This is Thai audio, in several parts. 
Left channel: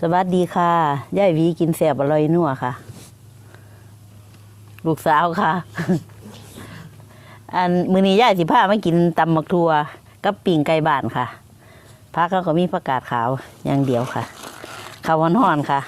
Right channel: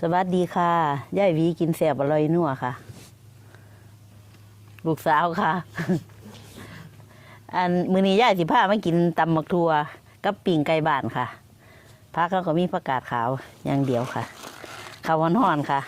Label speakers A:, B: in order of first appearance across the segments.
A: สวัสดีค่ะย่ายหวีกินแสบอร่อยนัวค่ะ ลูกสาวค่ะ อันมือนี้ย่ายสิพามากินตำมักทัวกับปิ่งไก่บ้านค่ะพักเขาก็มีประกาศขาวอย่างเดียวค่ะข้าวห่อนๆค่ะ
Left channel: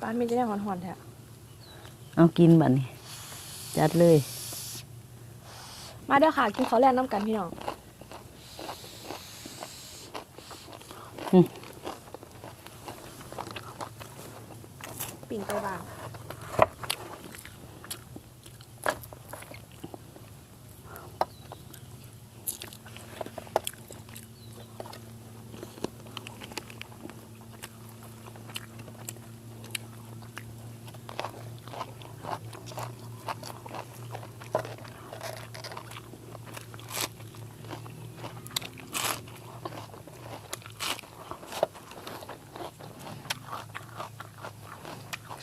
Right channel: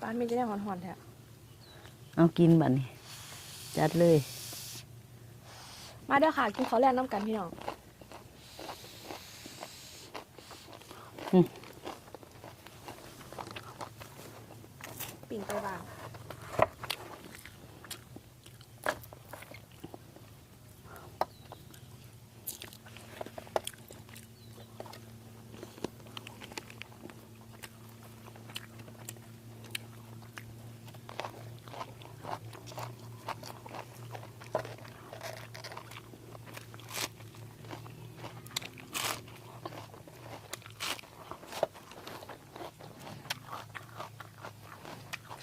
B: ป้านมีจะได้หอนหอนๆแท้
A: เอากินบัดนี้จัดเลย
B: มาเด้อค่ะกินข้าวแรกน้ำกันพี่น้อง
A: อืม
B: ปิ่งไปบ้าง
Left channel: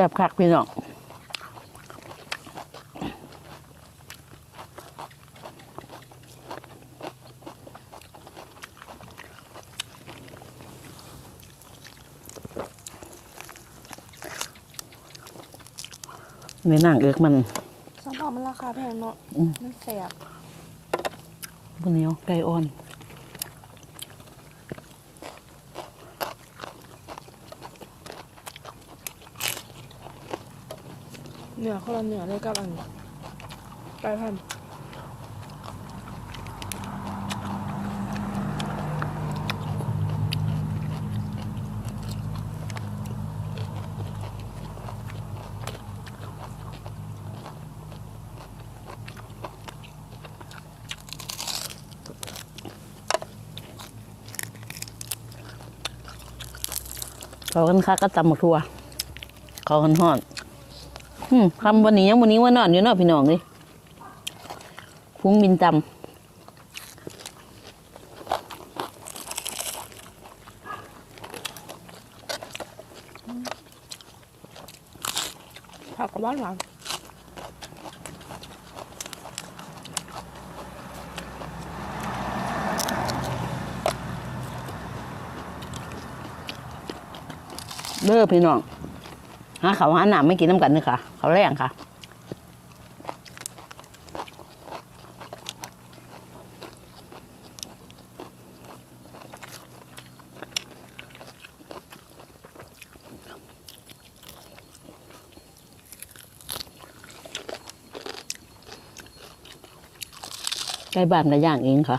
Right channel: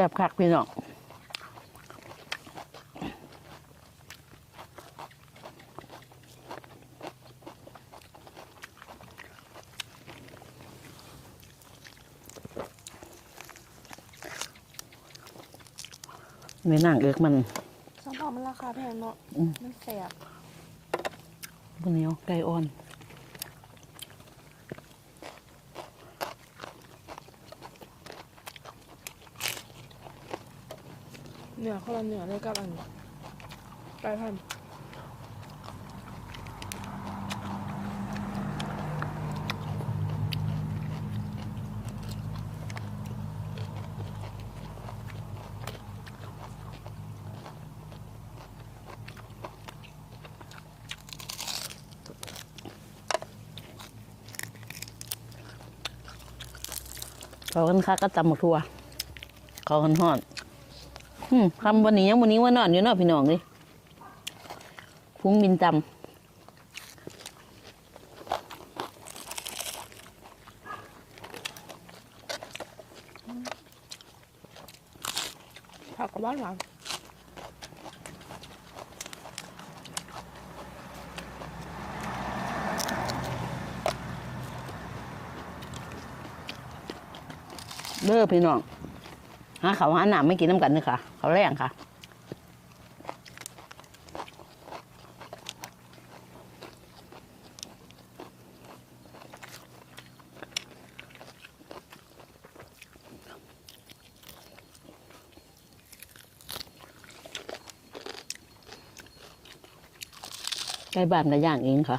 A: ซ่บคักพี่น้องในหนังเอิกมัน
B: สัมผัสมันราคาแพงเนาะ
A: อืม
B: มันแสบ
A: บนเหนียวไก่อ่อน
B: เหนือ คนละเหนือเลยกับอันไก่พัน
A: เขากันคักก็ตำหมกทัว เขากันหอน คำวันนี้ยังวันนี้ว่านอนอยู่เนอกพี่น้องนี่ฟุ้งบินต
B: ผักกับบ้านหวานำ
A: เด้อพี่น้อง หาเขาหาหนามไม่กินน้ำกันนี่ค่ะ เขาแรงค่ะใกล้บ้านกับย่างเองค่ะ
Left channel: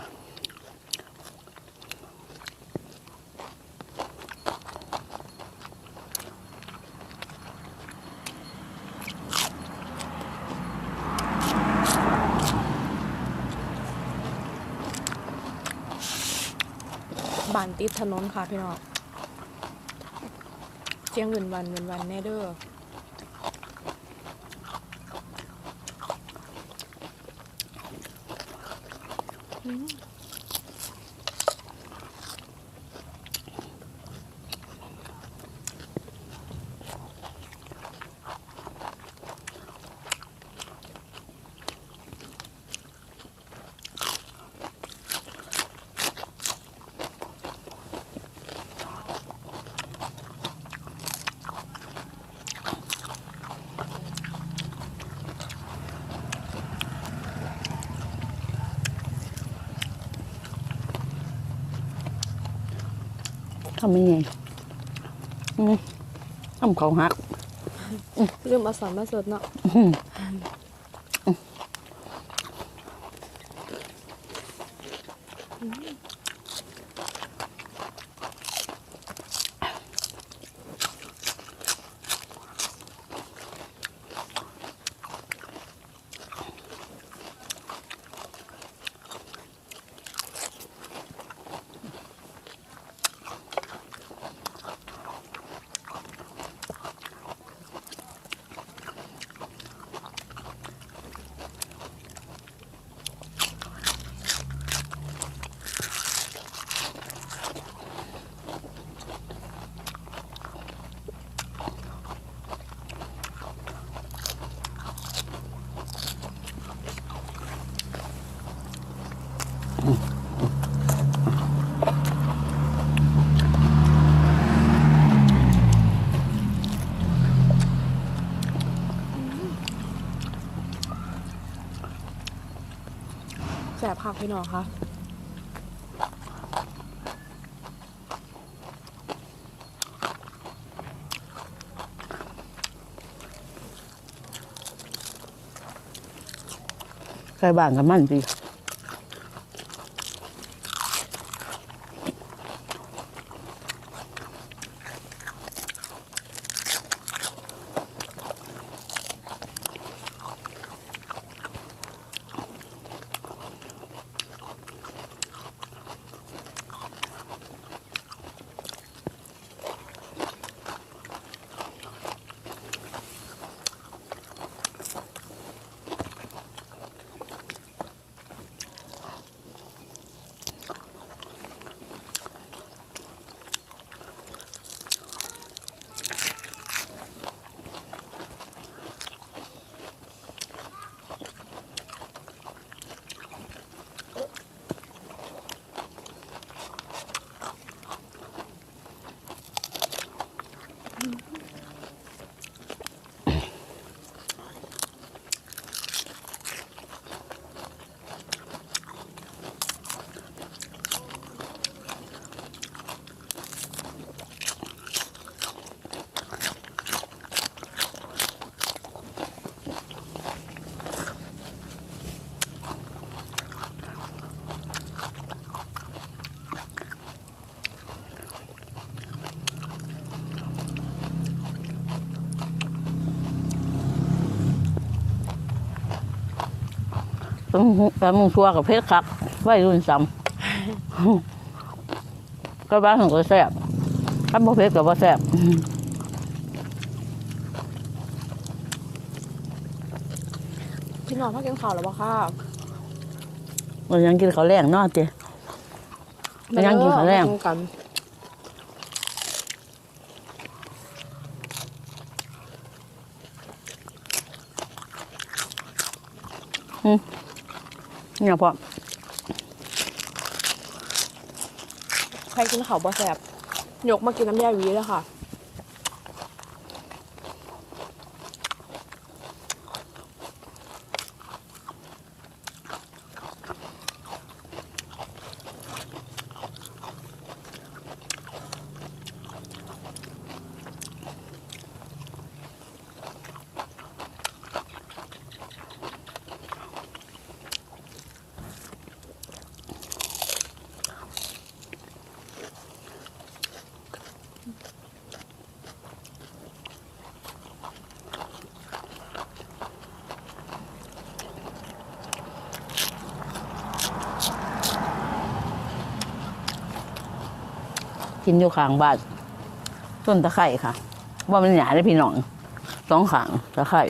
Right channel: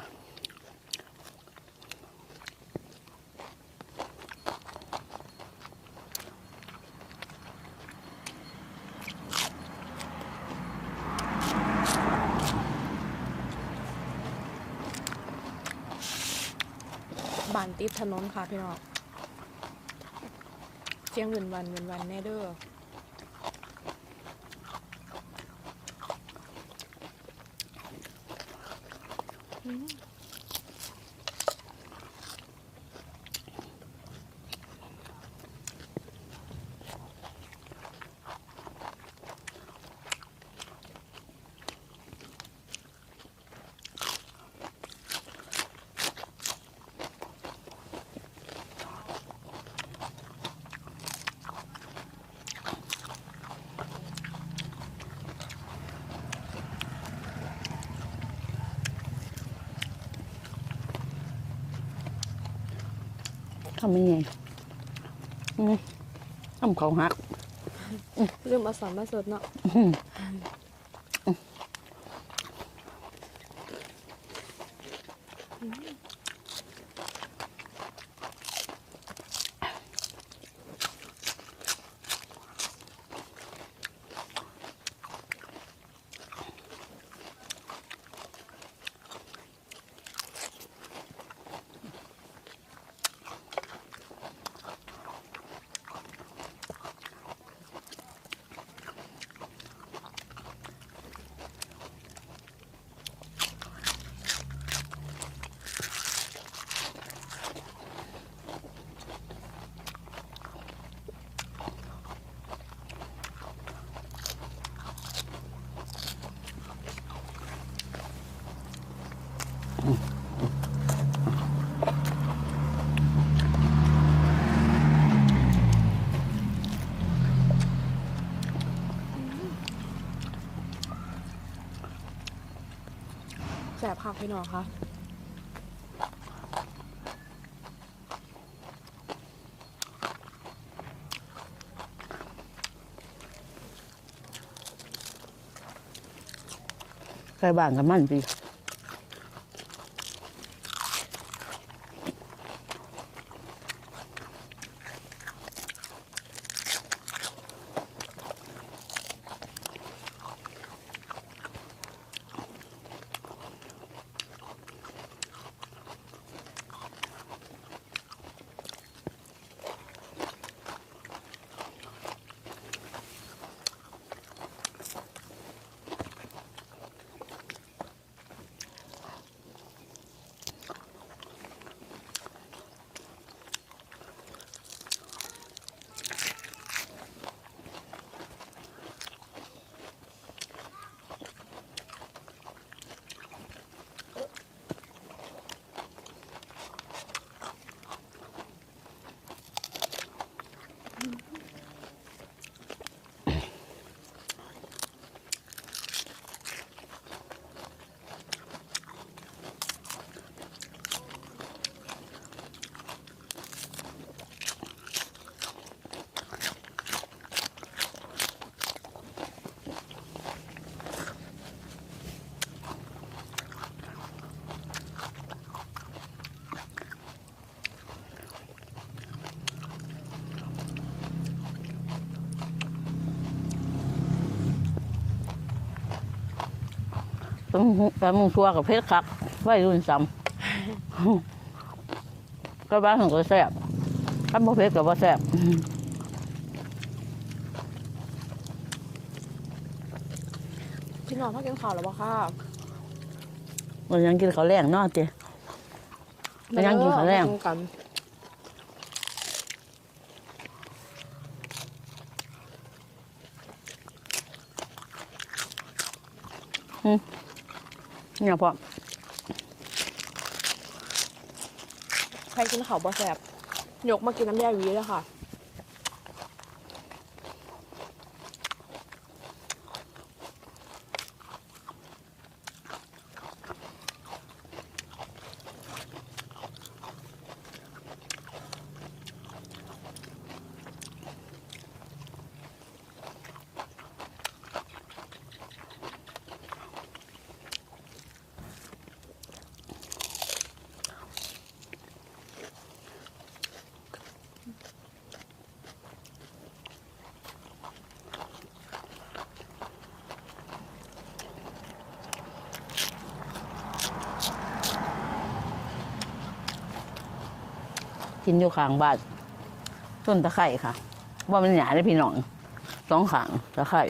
B: ถนนค่ะพี่น้องเสียงเงินวันเงินวันแน่เด้อ
A: ทำยังไงอืมทำเขาหัก
B: ลืมเอาสอนมาสดเนาะ
A: อืม
B: พี่น้องคะ
A: ใครบ้างกับมันสิ ต้องปลาหมึงชัวกับเพชรครับไว้รุ่นซ้ำก็บ้านของก็แซ่บถ้าบ่เพชรกับบ่แซ่บ
B: พี่น้องพักกินข้าวแล้วบ่ค่ะ
A: มันยังกินข้าวแรงเนาะเจ๊มันยังกินข้าวแรง
B: มากัน
A: เนี่ยพอ
B: ใครกินข้าวบ่แสบยกมากินน้ำยาหวีแล้วค่ะ
A: กินอยู่ข้างบ้านต้นตะไคร่ค่ะ ว่ามันหยาได้พี่น้องสองขางตะไคร่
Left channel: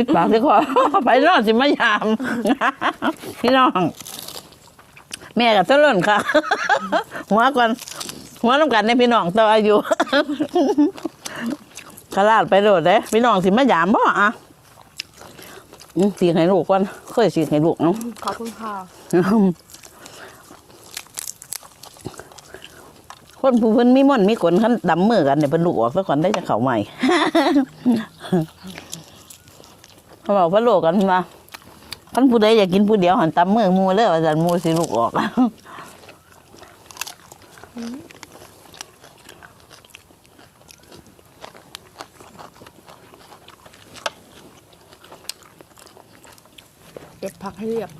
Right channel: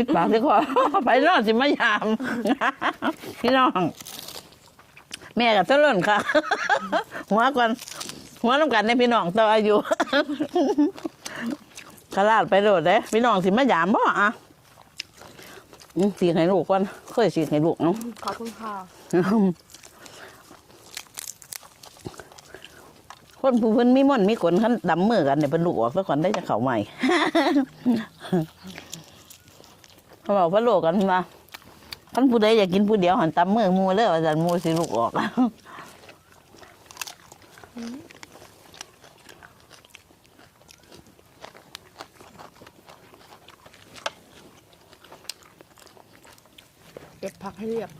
A: คิดปากสิคอ ไปนอนสิมายาม พี่น้อง แม่กับเต้นค่ะ หัวก่อนหัวน้ำกันในพี่น้องต่ออายุ ขลาดไปโดดเด้พี่น้องสิมายามบ่อะอืมสีให้ลูกก่อนเคยสีให้ลูกเนาะ
B: ขอบคุณค่ะ
A: คนผู้เพิ่นมีม่อนมีขนขันดำมือกันเนี่ยเป็นลูกออกซะก่อนได้จะเข่าใหม่ เขาบอกพระโลกันมาท่านผู้ใดอยากกินผู้เดียวหันตำเมืองมูเลยอาจารย์มูสิลูกออก
B: เด็ดพักให้เรียบ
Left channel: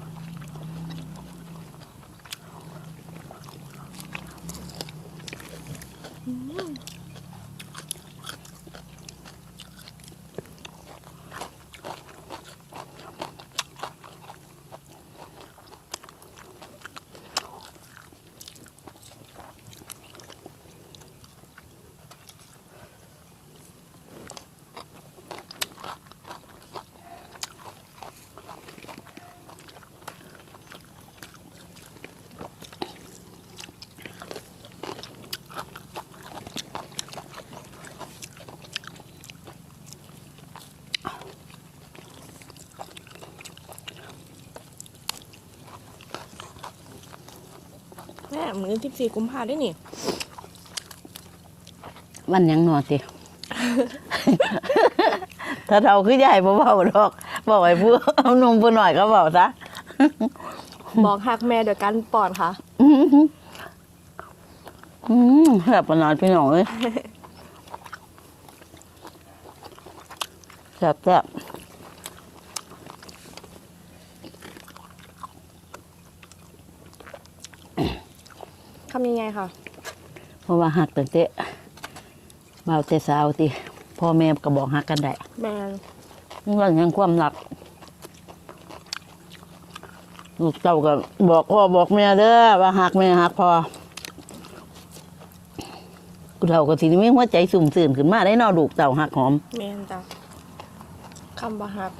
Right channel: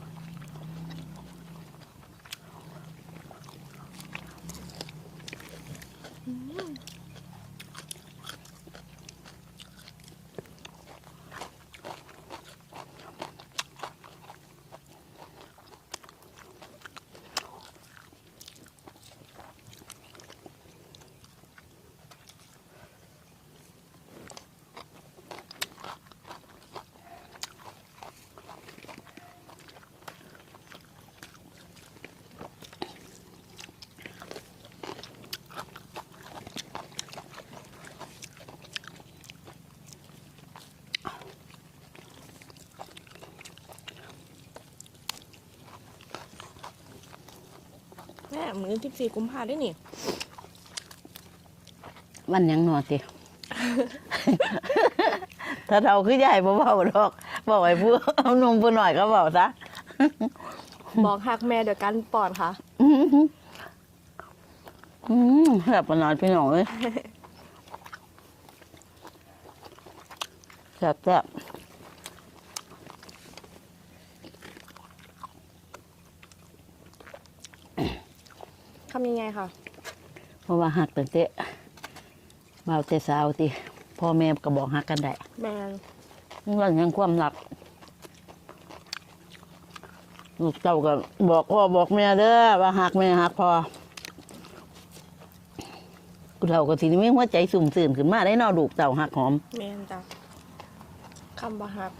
B: มือนที่สี่กุมภาได้นี่
A: มันยังนอนติ ถ้าเราคือใหญ่บ่เบาดอกบอกไอ้ผู้เอานมผู้หน่อยก็บอกซะ
B: บอกหักแม่โดยการป้อนค่ะ
A: อืมอืมแซ่บขนาดพี่น้องเลยแซ่บแซ่บ
B: ทำยังไงค่ะ
A: เพราะว่าหักตั้งแต่เบาแต่สาวติพ่อแม่ก็บอกหักกันได้
B: แมน
A: เรื่องยังความหลัก ลูกเจ้าก็บอกพ่อบอกแม่เด้อว่าหักแม่หักพ่อกูเท่าก็สิมีหัวใจสุ่มสื่นขึ้นมาได้เนอลูกเจ้าหักหอม
B: แมนจ้ะคำบาหัก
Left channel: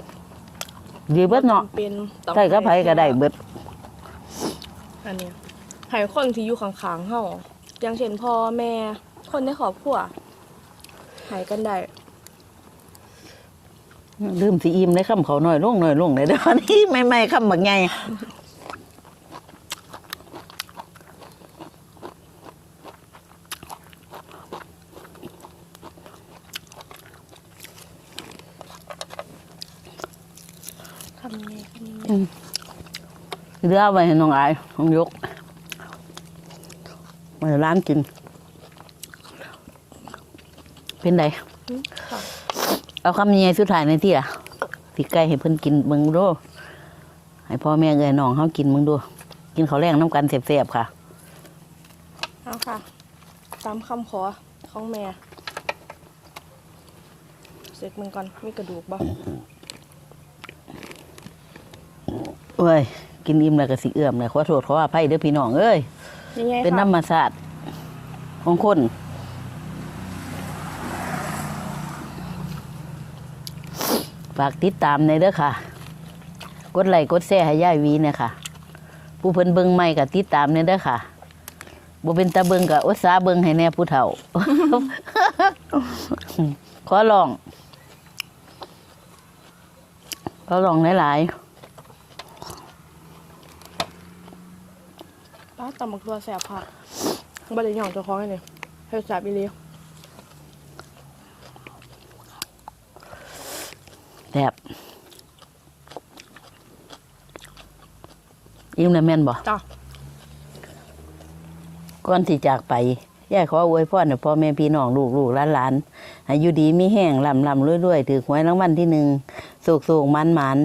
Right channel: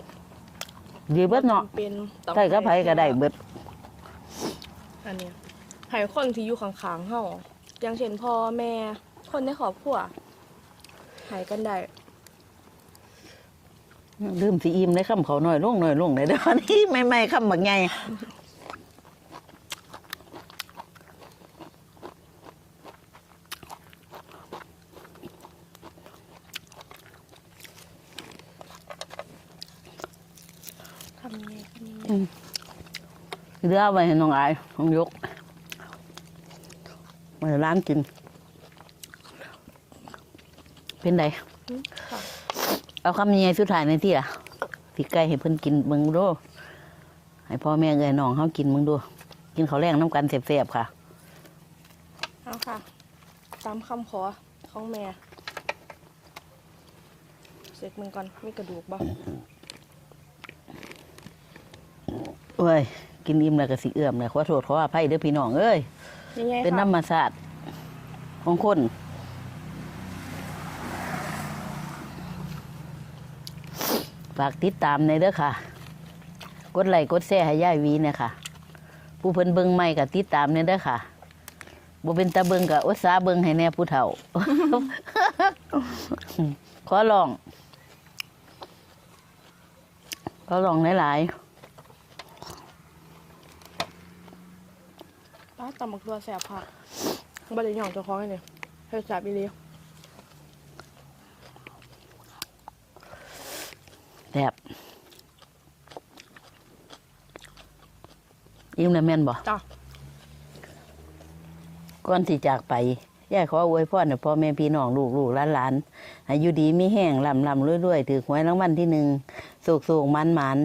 A: ดีเบิดเนาะ
B: เป็นต้อง
A: ใส่ก็ไผก็ได้เบิด
B: อันเนี้ย ให้คนที่อยู่ข้างๆเฮาอย่างเช่นพ่อแม่คนในครอบครัวหายกันได้
A: ลืมสิอิ่มได้คำเขาหน่อยลงหน่อยลงเลยเดี๋ยวนี้ไม่ไม่ๆคำบักไง
B: ทำยังไงทำยังไง
A: เดือเอาไว้ให้น้องอายน้องยก ไว้ร้านกิน เป็นได
B: อืมค่ะ
A: เอาคำยังไงสุดท้ายในที่อะที่ไก่ให้เพิ่นกินมึงดูให้พ่อแม่เอ้ยน้องเขากินมึงดู กินข้าวแรงน้ำกันเสียบๆค่ะ
B: เอาค่ะ ตามคำขอของแม่เสร็จมึงก่อนมีกระดูกบ่
A: เอ้ย กินอิ่มแล้วก็สิเอื้อมเลยขอโทษขออภัยเด้อพี่น้องเอ้ย
B: ยังไง
A: เป็น
B: ค่ะ
A: ธรรมศาสตร์ของคนฝากติดตามในอยเด้อค่ะ กดไลค์กดแชร์ให้ย่ายวีเนี่ยค่ะ ผู้เพิ่นเบิ่งใหม่ก็ติดตามเนี่ยเด้อค่ะบ่เป็นตาเบิ่งก็อุตสาเบิ่งให้แน่ผู้เฒ่า ขอลอง ขอลองหลาย
B: ป้ ตำบักตัวแสบผักบ่ได้หย่องเจ้าของเลยเฮ็ดแสบอีหลี
A: ๆแบบยิ้มแล้วแม่นบ่
B: จ้ะ
A: ก่อนที่จากไปย่ายขออวยพรให้พ่อแม่พี่น้องลูกลูกหลานหลานให้อยู่ดีมีแห้งลำลำรวยรวยถือหวยรางวัลที่หนึ่งสุกสุกมันมัน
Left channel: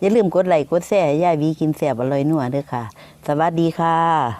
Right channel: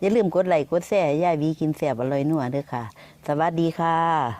A: อย่าลืมกดไลค์กดแชร์ให้ย่ายวีกินแสบอร่อยนัวเด้อค่ะ สวัสดีค่ะ